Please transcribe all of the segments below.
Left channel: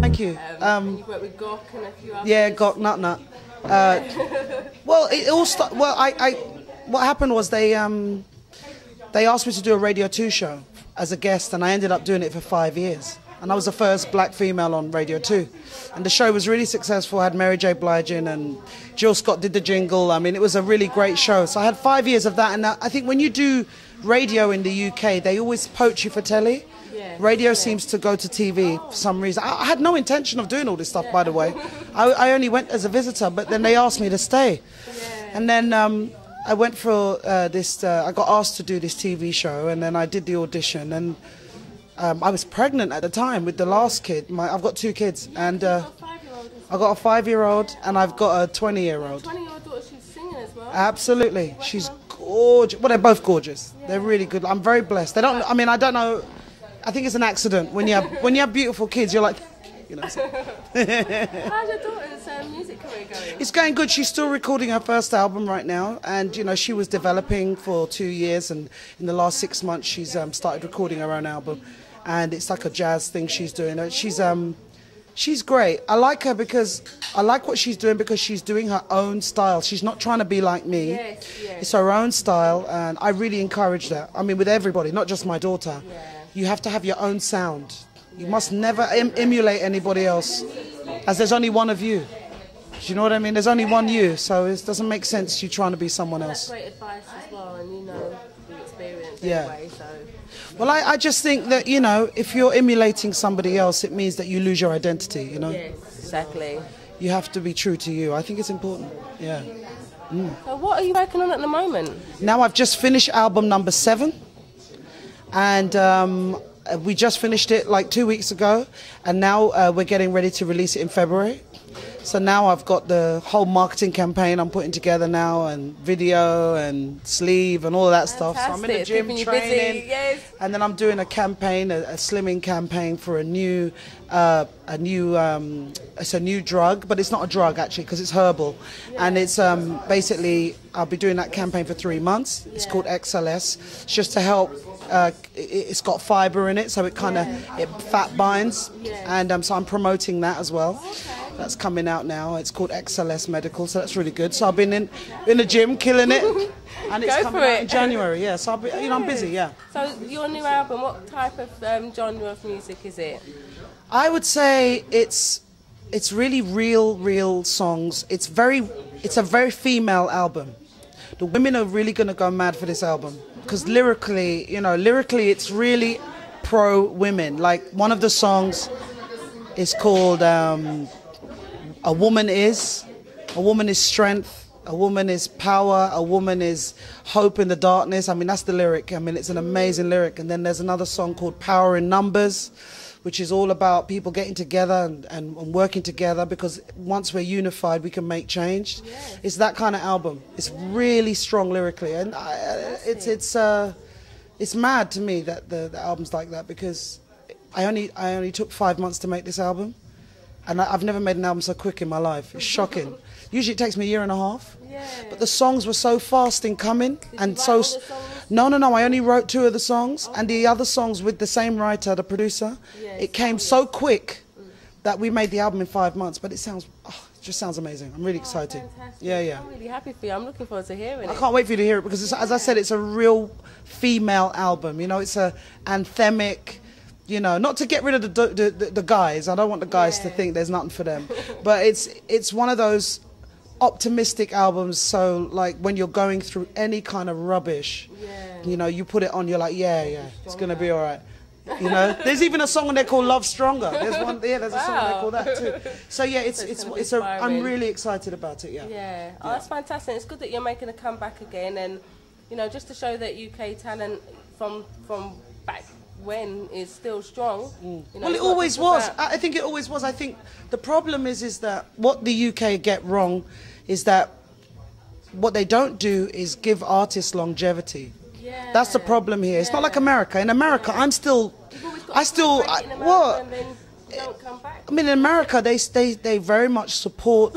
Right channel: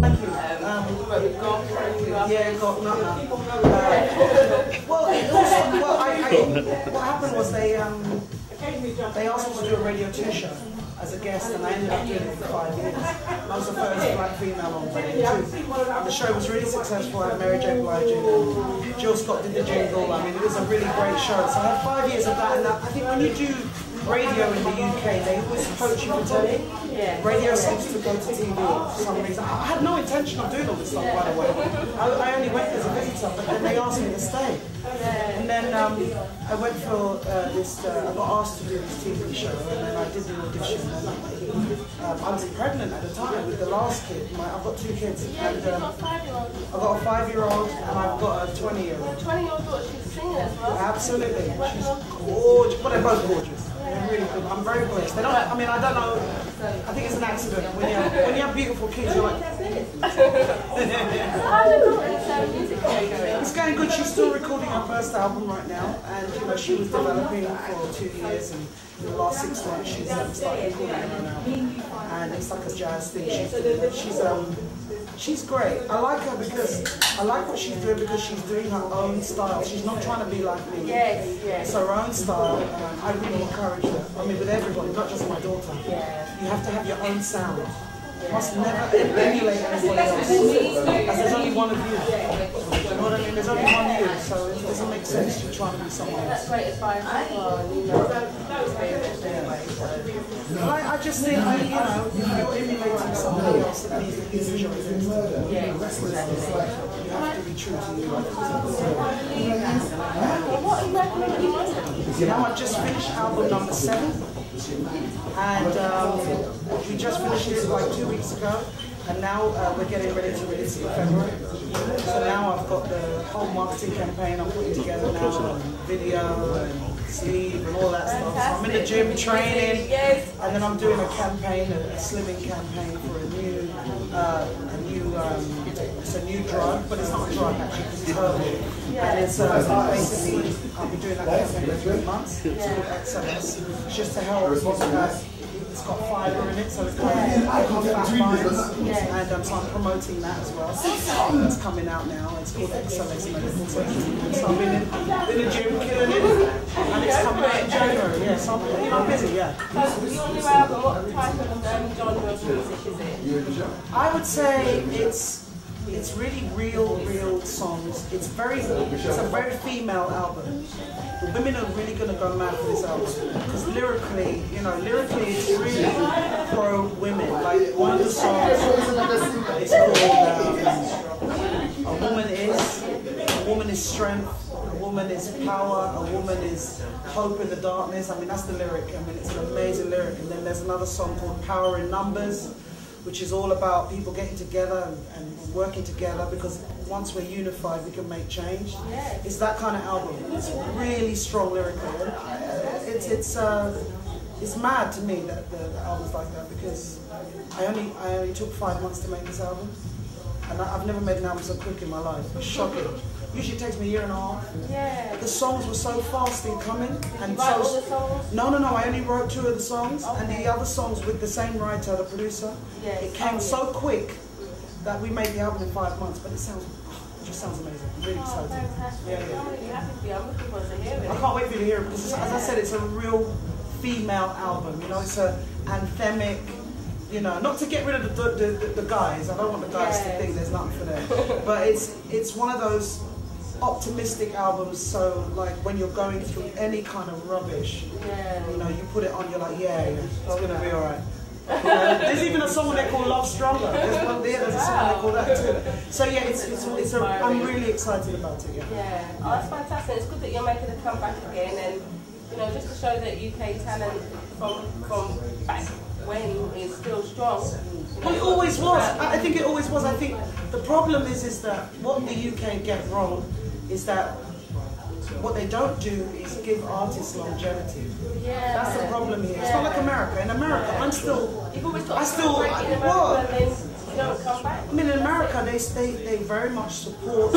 Thank you. Yeah, got nut. Well, it all started. Well, what happened was they asked me to do a Radio 2 show as a guest, and I ended up doing it for 5 years. And I was the first black female on Radio 2. And the show was really successful. I had Mary J. Blige in, and Jill Scott did the jingle. I mean, it was a really great show. So I had 5 years of that. And I think when you do radio in the UK, they always poach you for telly. Radio seems to go to TV for some reason. I had no intention of doing all this stuff, by the way. I only went as a visitor, but then they asked me to stay. And then I went for I got asked to do this TV show, and then I did the audition. And I was pregnant at the time with the last kid. I've got 2 kids, and I've got a 5-year-old and I've got a 20-year-old. 20-year-old daughter, she's singing as well? Absolutely. She's gorgeous. Well, they're both gorgeous. They're really good. I'm very blessed. I don't know. I think it's an accident. When you have beautiful kids, you're like... How's the daughter's music career going? It's going good. She's still recording her first album right now, and you know, she was developing for 2 years, and in the last 6 months she's started recording her own album, and it's like a jazz thing she's doing. She's great. I like her because I like what she's doing, because she's doing her own style. She's not trying to be like me. It's her own style, and I really encourage that. I mean, with everybody, not just my daughter. You have to have your own sound. You must never emulate anybody else, as there's only one of you. Do you know what I mean? There's only one you, so it doesn't make sense you trying to be someone else. Yeah. Well, I just think that, you know, if you're emulating somebody else, it means that you lose your identity, you know? You have to be true to you. I think it's important. Yeah. Well, what are you working on at the moment? Now I've just finished album number 7. And we just finished it like 2 weeks ago, and now we're getting ready to release it in February. So now I've got the whole marketing campaign I'm putting together now, and video and sleeve and all of that stuff. So I'm in the gym training, and then I'm doing a campaign, a slimming campaign for it's a new drug, but it's not a drug actually, because it's herbal, and it's basically, I'll be doing that campaign for 3 months. It's called XLS. It's just to help. It's got fibre in it, so it kind of fat binds, and so I'm promoting that as well. That's coming out now. It's called XLS Medical, so it's really good. So I've been in the gym killing it, and it's coming out in January. Yeah, so I'm busy. Yeah. So your new album, what type of genre of music is it? I would say it's really real songs. It's a very female album. The women are really going to go mad for this album, because lyrically, it's really pro women. Like, one of the songs is called "A Woman Is." A woman is strength. A woman is power. A woman is hope in the darkness. I mean, that's the lyric. I mean, it's an amazing lyric. And then there's another song called "Power in Numbers," which is all about people getting together and working together, because once we're unified, we can make change. It's that kind of album. It's really strong lyrically, and it's mad to me that the album's like that, because I only took 5 months to make this album, and I've never made an album so quick in my life. It's shocking. Usually it takes me a year and a half. But the songs were so fast in coming, and so... No, I only wrote 2 of the songs, and the other songs with the same writer, the producer. It came so quick that we made the album in 5 months, but it just sounds amazing. I'm really excited. Yeah. I'm really happy for you. I'm looking forward to hearing it. I can't wait for you to hear it, because as I said, it's a real female album. You know, it's a anthemic. You know, not to get rid of the guys. I don't want the guys to think there's nothing for them, but it's one of those optimistic albums. So like, when you're going through any kind of rubbish, you know, you put it on, you're like, it's gonna be all right. You know, there's even a song on there called "Love Stronger." There's a song on there called that too. So yeah, I'm really excited about it. Oh, that's fantastic. It's good that you're making a comeback again, and you know, just to show that UK talent from back when is still strong. You know, well, it always was. I think it always was. I think the problem is that what the UK get wrong is that what they don't do is give artists longevity. That's the problem here. It's not like America. In America, I mean, in America, they very much support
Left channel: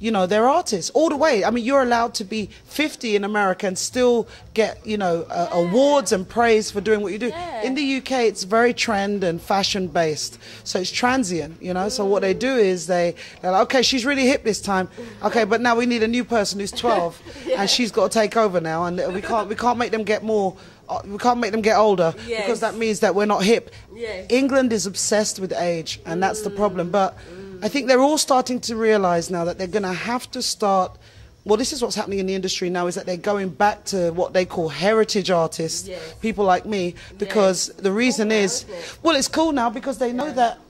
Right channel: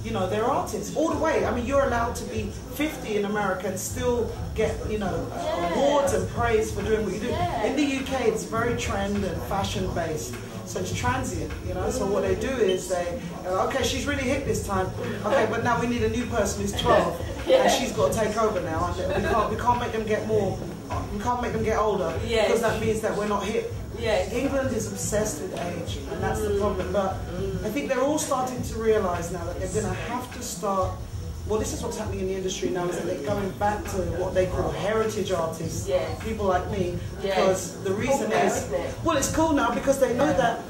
you know, they're artists all the way. I mean, you're allowed to be 50 in America and still get, you know, awards and praise for doing what you do. In the UK, it's very trend and fashion based, so it's transient, you know. So what they do is they're like, okay, she's really hip this time. Okay, but now we need a new person who's 12, and she's got to take over now, and we can't make them get more. We can't make them get older because that means that we're not hip. England is obsessed with age, and that's the problem. But I think they're all starting to realize now that they're going to have to start. Well, this is what's happening in the industry now, is that they're going back to what they call heritage artists, people like me, because the reason is, well, it's cool now because they know that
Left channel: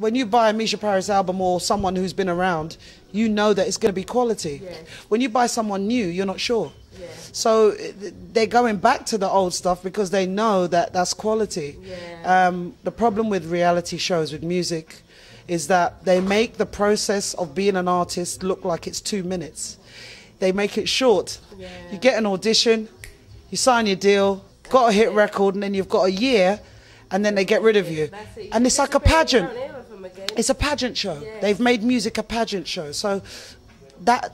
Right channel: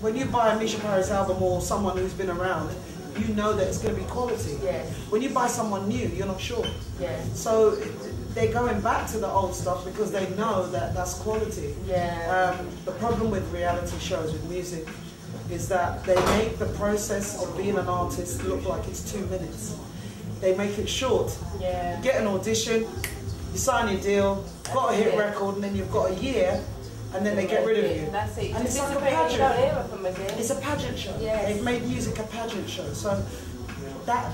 when you buy a Mica Paris album or someone who's been around, you know that it's going to be quality. When you buy someone new, you're not sure. So they're going back to the old stuff because they know that that's quality. The problem with reality shows, with music, is that they make the process of being an artist look like it's 2 minutes. They make it short. You get an audition, you sign your deal, got a hit record, and then you've got a year, and then they get rid of you. And it's like a pageant. It's a pageant show. They've made music a pageant show. So that,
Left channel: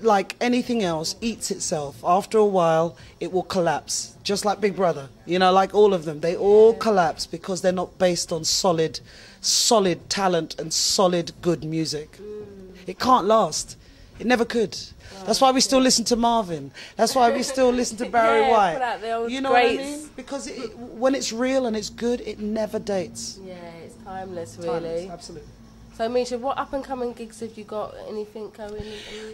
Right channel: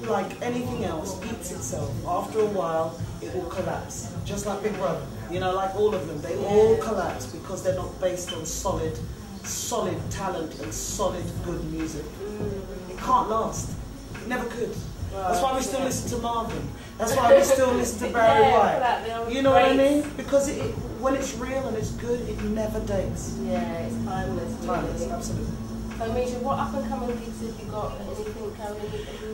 like anything else, eats itself. After a while, it will collapse. Just like Big Brother. You know, like all of them. They all collapse because they're not based on solid talent and solid good music. It can't last. It never could. That's why we still listen to Marvin. That's why we still listen to Barry White. You know what I mean? Because when it's real and it's good, it never dates. It's timeless, really. Timeless, absolutely. So, Mica, what up and coming gigs have you got? Anything going?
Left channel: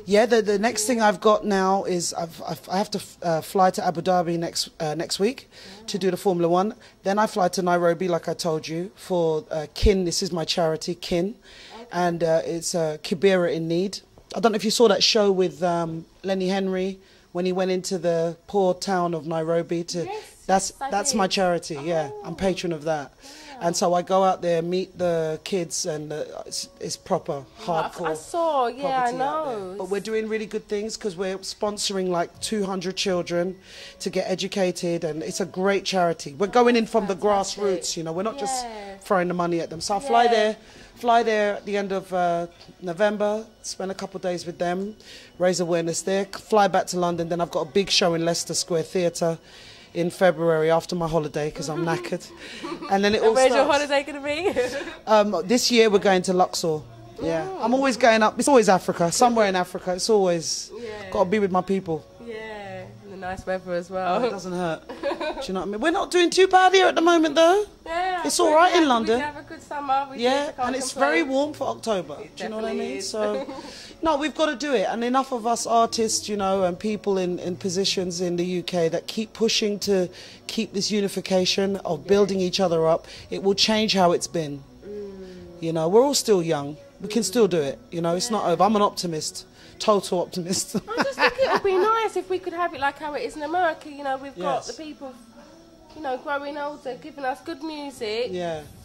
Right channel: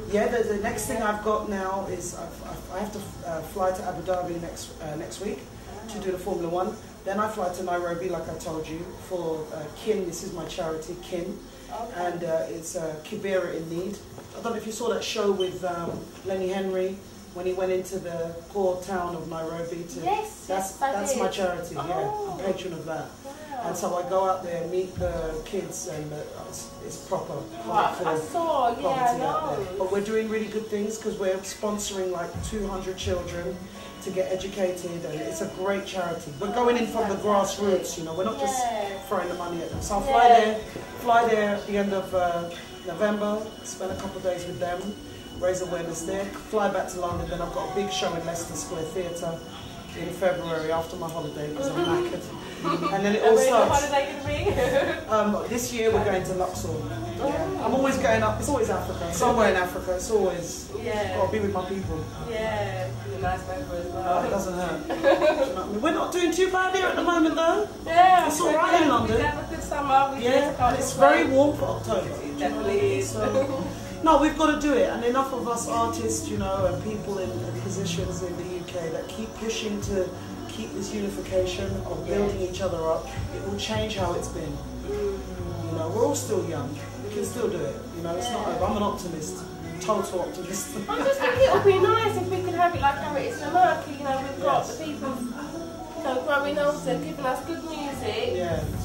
Yeah, the next thing I've got now is I have to fly to Abu Dhabi next week to do the Formula 1. Then I fly to Nairobi, like I told you, for Kin. This is my charity, Kin, and it's Kibera in Need. I don't know if you saw that show with Lenny Henry when he went into the poor town of Nairobi. That's my charity. I'm patron of that. And so I go out there, meet the kids, and it's proper hardcore. I saw, I know. But we're doing really good things because we're sponsoring like 200 children to get educated, and it's a great charity. We're going in from the grassroots, you know. We're not just throwing the money at them. So I'll fly there at the end of November, spend a couple of days with them, raise awareness there, fly back to London. Then I've got a big show in Leicester Square Theatre in February after my holiday because I'm knackered. And then it all starts. Where's your holiday going to be? This year we're going to Luxor. I'm always going up. It's always Africa. Somewhere in Africa. It's always got to be with my people. Nice weather as well. It doesn't hurt. Do you know what I mean? We're not doing too bad here at the moment though. It's all right in London. We have a good summer. And it's very warm for October. Do you know what I mean? So, no, we've got to do it. And enough of us artists, you know, and people in positions in the UK that keep pushing to keep this unification of building each other up. It will change how it's been. You know, we're all still young. We can still do it. You know, it's not over. I'm an optimist. Total optimist. I just think it would be nice if we could have it like how it is in America. You know, we've got the people, you know, growing older, giving us good music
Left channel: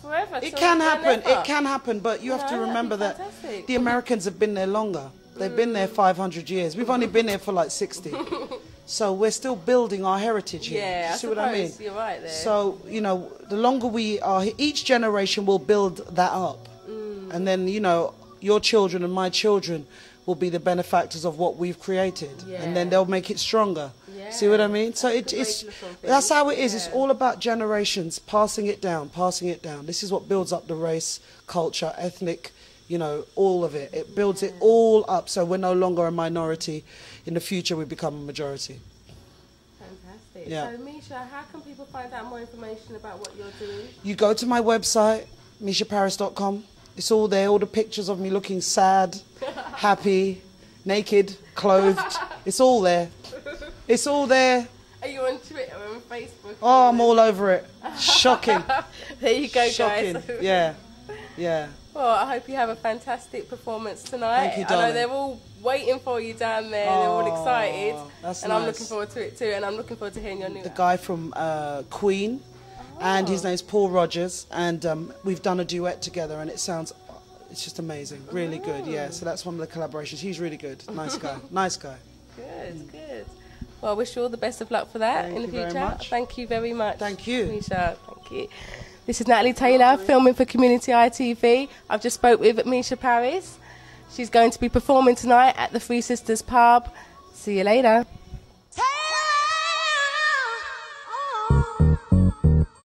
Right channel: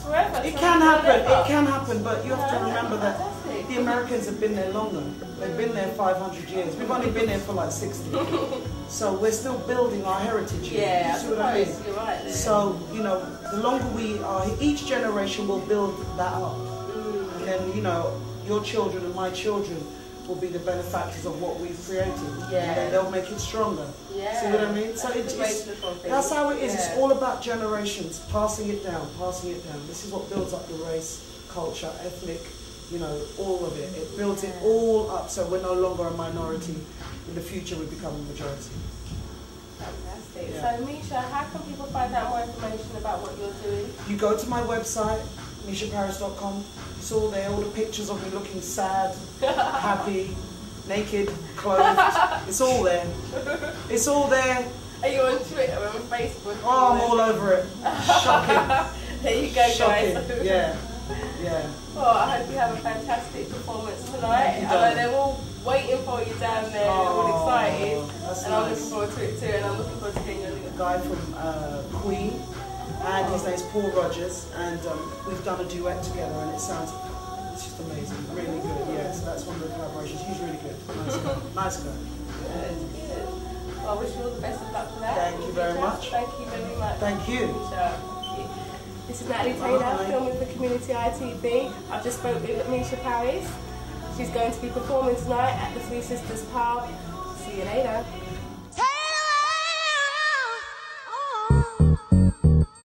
forever. It can happen. It can happen, but you have to remember that the Americans have been there longer. They've been there 500 years. We've only been there for like 60. So we're still building our heritage here. You see what I mean? You're right there. So, you know, the longer we are here, each generation will build that up. And then, you know, your children and my children will be the benefactors of what we've created, and then they'll make it stronger. See what I mean? So that's how it is. It's all about generations, passing it down, passing it down. This is what builds up the race, culture, ethnic, you know, all of it. It builds it all up, so we're no longer a minority. In the future, we become a majority. Fantastic. So, Mica, how can people find out more information about what you're doing? You go to my website, micaparis.com. It's all there, all the pictures of me looking sad, happy, naked, clothed. It's all there. It's all there. Are you on Twitter or on Facebook? Oh, I'm all over it. Shocking. There you go, Shocking. guys. Yeah. Well, I hope you have a fantastic performance tonight. Thank you, I know they're all waiting for you down there. They're all excited. That's and nice. I'm looking forward to it too, and I'm looking forward to hearing your new... The guy from Queen. And his name's Paul Rogers, and we've done a duet together, and it's just amazing, really good. So that's one of the collaborations. He's really good, nice guy. Good. Well, I wish you all the best of luck for that in the future. Thank you very much. Thank you very much. Thank you. Mica. Thank you. This is Natalie Taylor, filming for Community ITV. I've just spoke with Mica Paris. She's going to be performing tonight at the Three Sisters pub. See you later.